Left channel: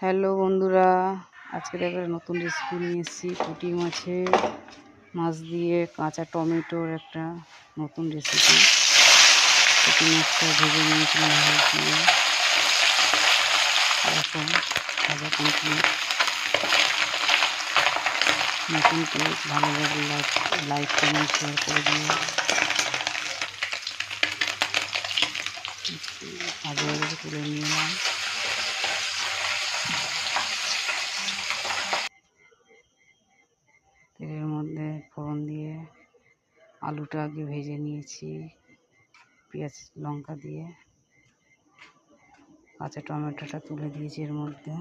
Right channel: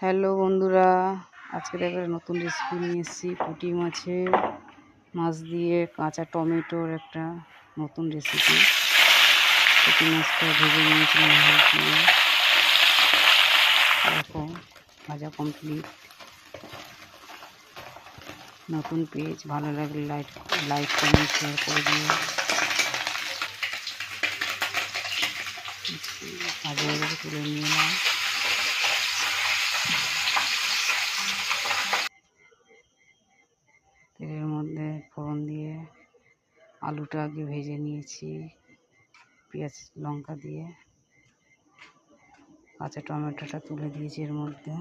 Hello বন্ধুরা, আজকে দেখো নতুন রেসিপি নিয়ে এসেছি। পুঁটি মাছ দিয়ে কাঁচা টমেটোর একটা নতুন রেসিপি। পুঁটি মাছটা ভেজে নিয়েছিলাম হলুদ দিয়ে। এরকম ভাজা কমপ্লিট। নতুন পেজ ভালো লাগলে লাইক কমেন্ট শেয়ার করে দিও। ভাজা হয়ে তুলে নিয়ে এলাম। তেলের মধ্যে ফোড়ন দিয়ে আলুটা আগে ভেজে নিয়েছি, পেঁয়াজ লঙ্কা দিয়ে কাঁচা টমেটোটা তুলে দিয়েছি এর মধ্যে।